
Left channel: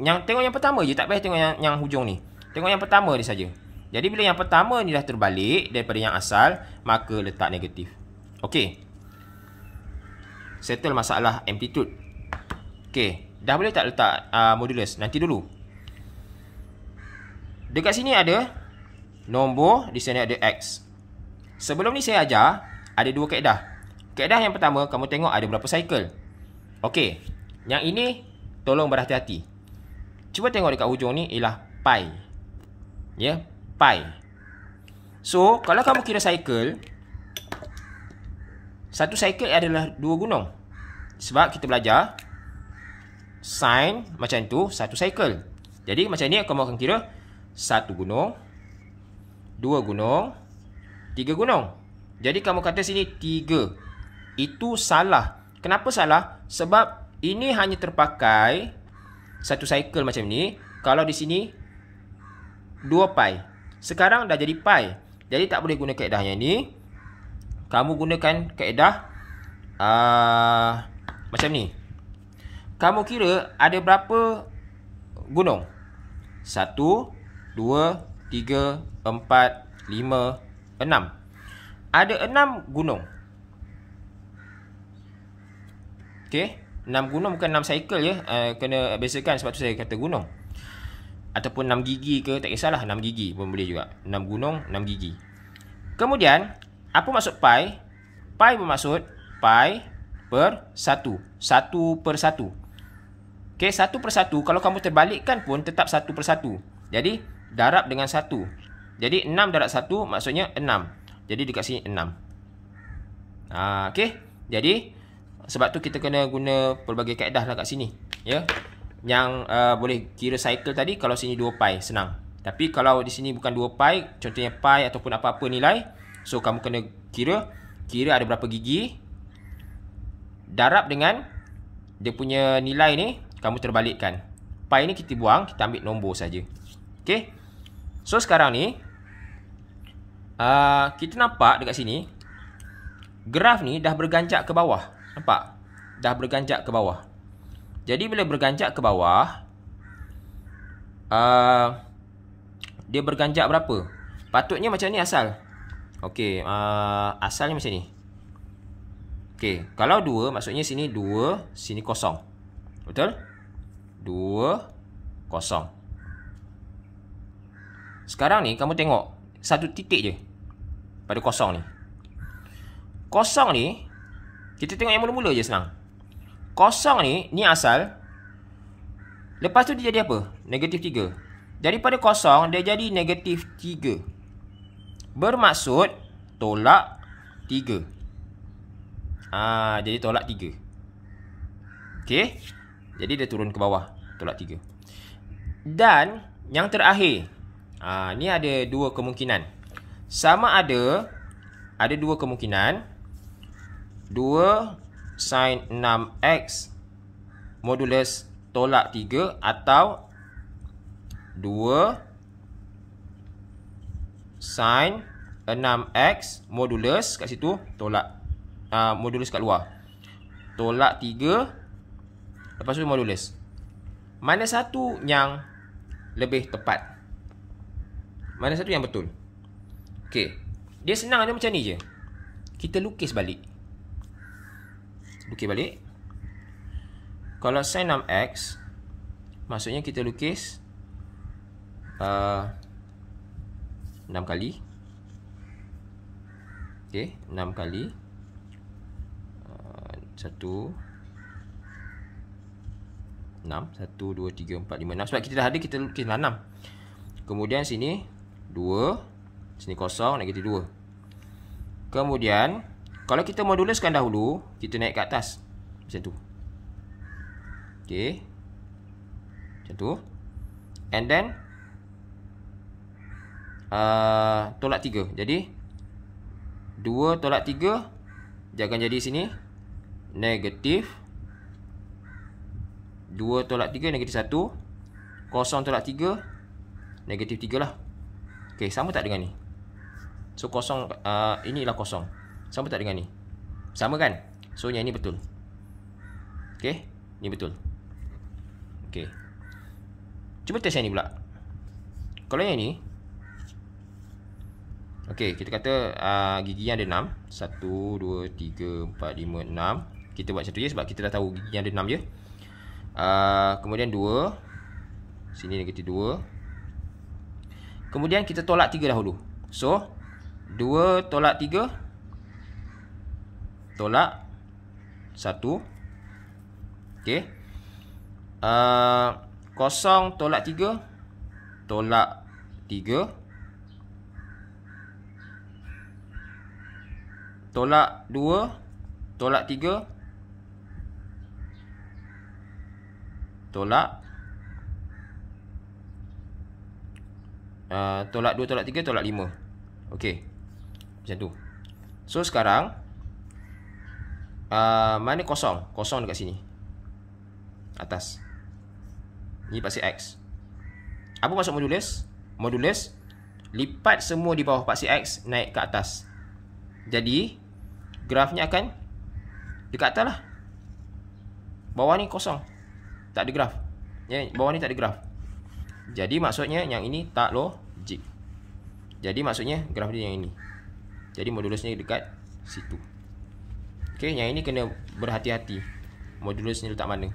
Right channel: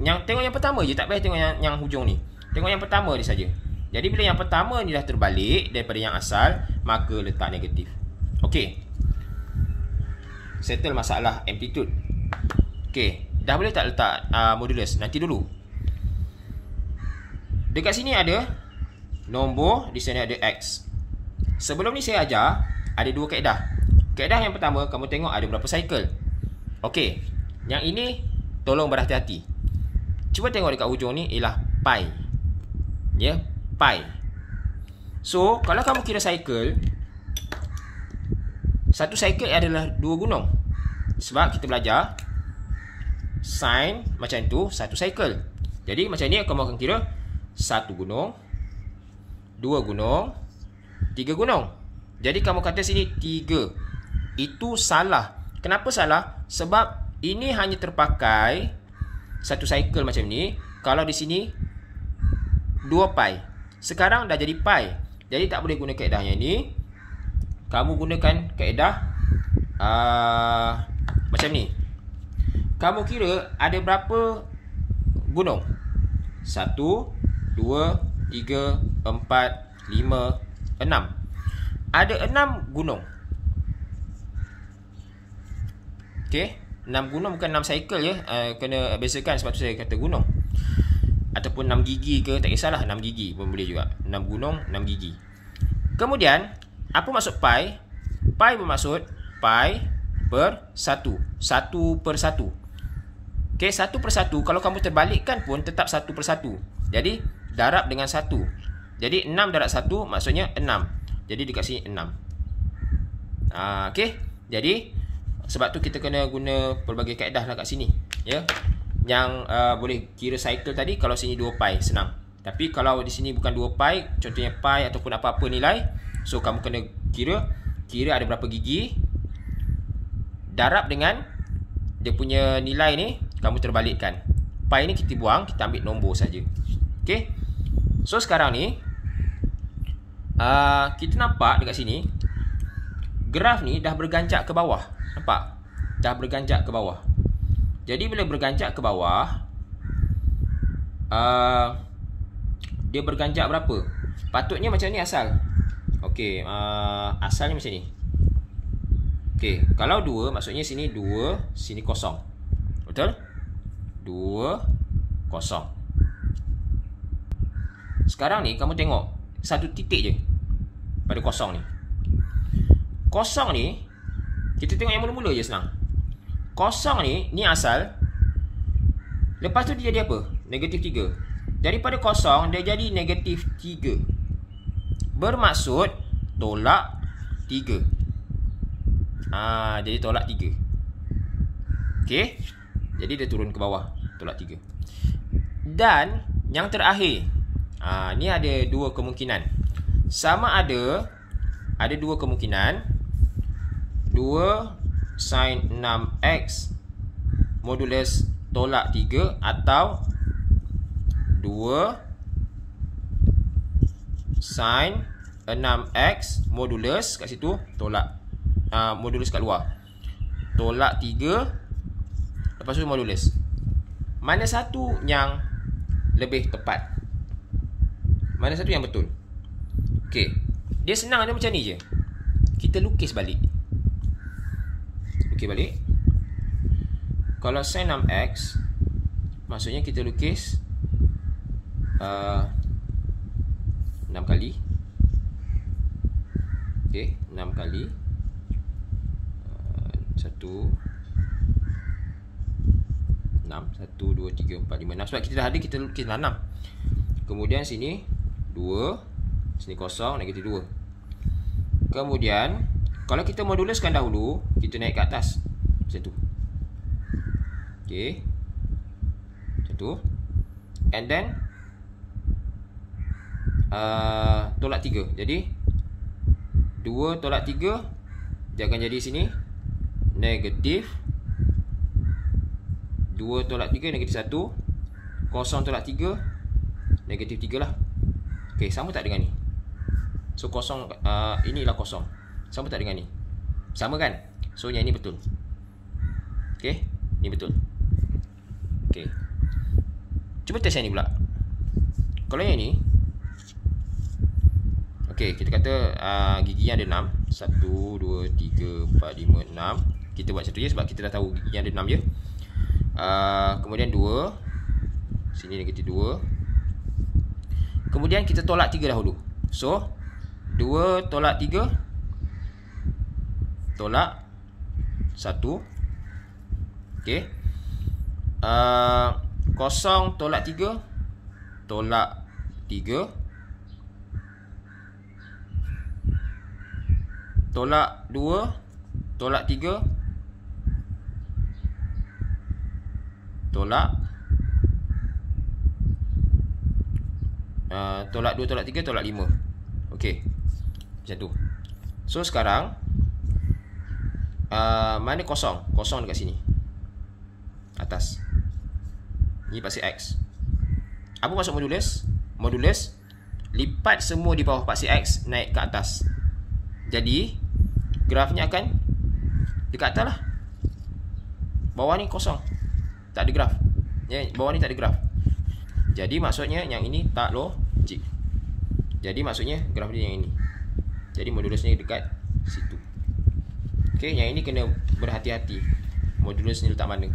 Yang tengok yang pertama je, tak payah tengok yang hujung ni. Tengok yang pertama ni saja. Jadi bila yang pertama ni dah terbalik daripada yang asal, maka letak negatif. Okey, settle masalah amplitude. Okey, dah boleh tak letak modulus? Nanti dulu. Dekat sini ada nombor, di sini ada X. Sebelum ni saya ajar, ada dua kaedah. Kaedah yang pertama, kamu tengok ada berapa cycle. Okey, yang ini tolong berhati-hati. Cuba tengok dekat hujung ni ialah pi. Ya, pi. So, kalau kamu kira cycle, satu cycle adalah 2 gunung. Sebab kita belajar sin macam tu, satu cycle. Jadi macam ni kamu akan kira 1 gunung, 2 gunung, 3 gunung. Jadi kamu kata sini 3. Itu salah. Kenapa salah? Sebab ini hanya terpakai satu cycle macam ni. Kalau di sini 2 pi. Sekarang dah jadi pi. Jadi tak boleh guna kaedah yang ni. Kamu gunakan kaedah macam ni. Kamu kira ada berapa gunung? 1, 2, 3, 4, 5, 6. Ada 6 gunung. Okey, 6 gunung bukan 6 cycle ya. Kena bezakan, sebab tu saya kata gunung. Ataupun 6 gigi ke, tak kisahlah, 6 gigi pun boleh juga. 6 gunung, 6 gigi. Kemudian, apa maksud pi? Pi bermaksud pi per 1. 1 per 1. Okey, 1 per 1. Kalau kamu terbalikkan pun tetap 1 per 1. Jadi, darab dengan 1. Jadi, 6 darab 1 maksudnya 6. Jadi, dekat sini 6. Okey, jadi sebab tu kita kena guna pelbagai kaedah lah kat sini. Ya. Yang boleh kira cycle tadi, kalau sini 2 pi, senang. Tapi kalau di sini bukan 2 pi, contohnya pi ataupun apa-apa nilai, so kamu kena kira ada berapa gigi, darab dengan dia punya nilai ni, kamu terbalikkan. Pi ni kita buang, kita ambil nombor saja. Okey. So sekarang ni kita nampak dekat sini graf ni dah berganjak ke bawah. Nampak? Dah berganjak ke bawah. Jadi bila berganjak ke bawah, dia berganjak berapa? Patutnya macam ni asal. Okey, asalnya macam ni. Okey, kalau 2 maksudnya sini 2, sini kosong. Betul? 2, kosong. Sekarang ni kamu tengok satu titik je pada kosong ni. Kosong ni kita tengok yang mula-mula je, senang. Kosong ni asal. Lepas tu dia jadi apa? Negatif 3. Daripada kosong dia jadi negatif 3. Bermaksud tolak 3. Jadi tolak 3. Okey. Jadi dia turun ke bawah, tolak 3. Dan yang terakhir, ni ada 2 kemungkinan. Sama ada 2 kemungkinan. 2 sin 6x modulus tolak 3, atau 2 sin 6x modulus kat situ tolak modulus kat luar, tolak 3, lepas tu modulus. Mana satu yang lebih tepat? Mana satu yang betul? Okey, dia senang ada macam ni je. Kita lukis balik. Lukis balik. Kalau sin 6x, maksudnya kita lukis 6 kali. Okey, 6 kali 1 6 1 2 3 4 5 6. Sebab kita dah ada, kita lukis 6. Kemudian sini 2, sini kosong, negatif 2. Kemudian kalau kita moduluskan dahulu, kita naik ke atas macam tu. Okey, macam tu. And then tolak 3. Jadi 2 tolak 3, dia akan jadi sini negatif 2 tolak 3, negatif 1. Kosong tolak 3, negatif 3 lah. Okey, sama tak dengan ni? So kosong, inilah kosong. Sama tak dengan ni? Sama kan? So yang ni betul. Okey, ni betul. Okey, cuba test yang ni pula. Kalau yang ni, okey, kita kata gigi yang ada 6. 1, 2, 3, 4, 5, 6. Kita buat satu je sebab kita dah tahu gigi yang ada 6 je. Kemudian 2, sini negatif 2. Kemudian kita tolak 3 dahulu. So 2 tolak 3 tolak 1. Okey. 0 tolak 3 tolak 3. Tolak 2 tolak 3 tolak tolak 2 tolak 3 tolak 5. Okey. Macam tu. So sekarang mana kosong? Kosong dekat sini. Atas. Ni paksir X. Apa maksud modulus? Modulus lipat semua di bawah paksir X naik ke atas. Jadi grafnya akan dekat atas lah. Bawah ni kosong, tak ada graf. Bawah ni tak ada graf. Jadi maksudnya yang ini tak logik. Jadi maksudnya graf dia yang ini. Jadi modulusnya dekat situ. Okey, yang ini kena berhati-hati. Modulusnya letak mana.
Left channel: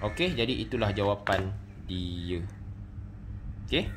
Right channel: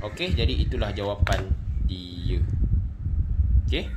Okey, jadi itulah jawapan dia. Okey.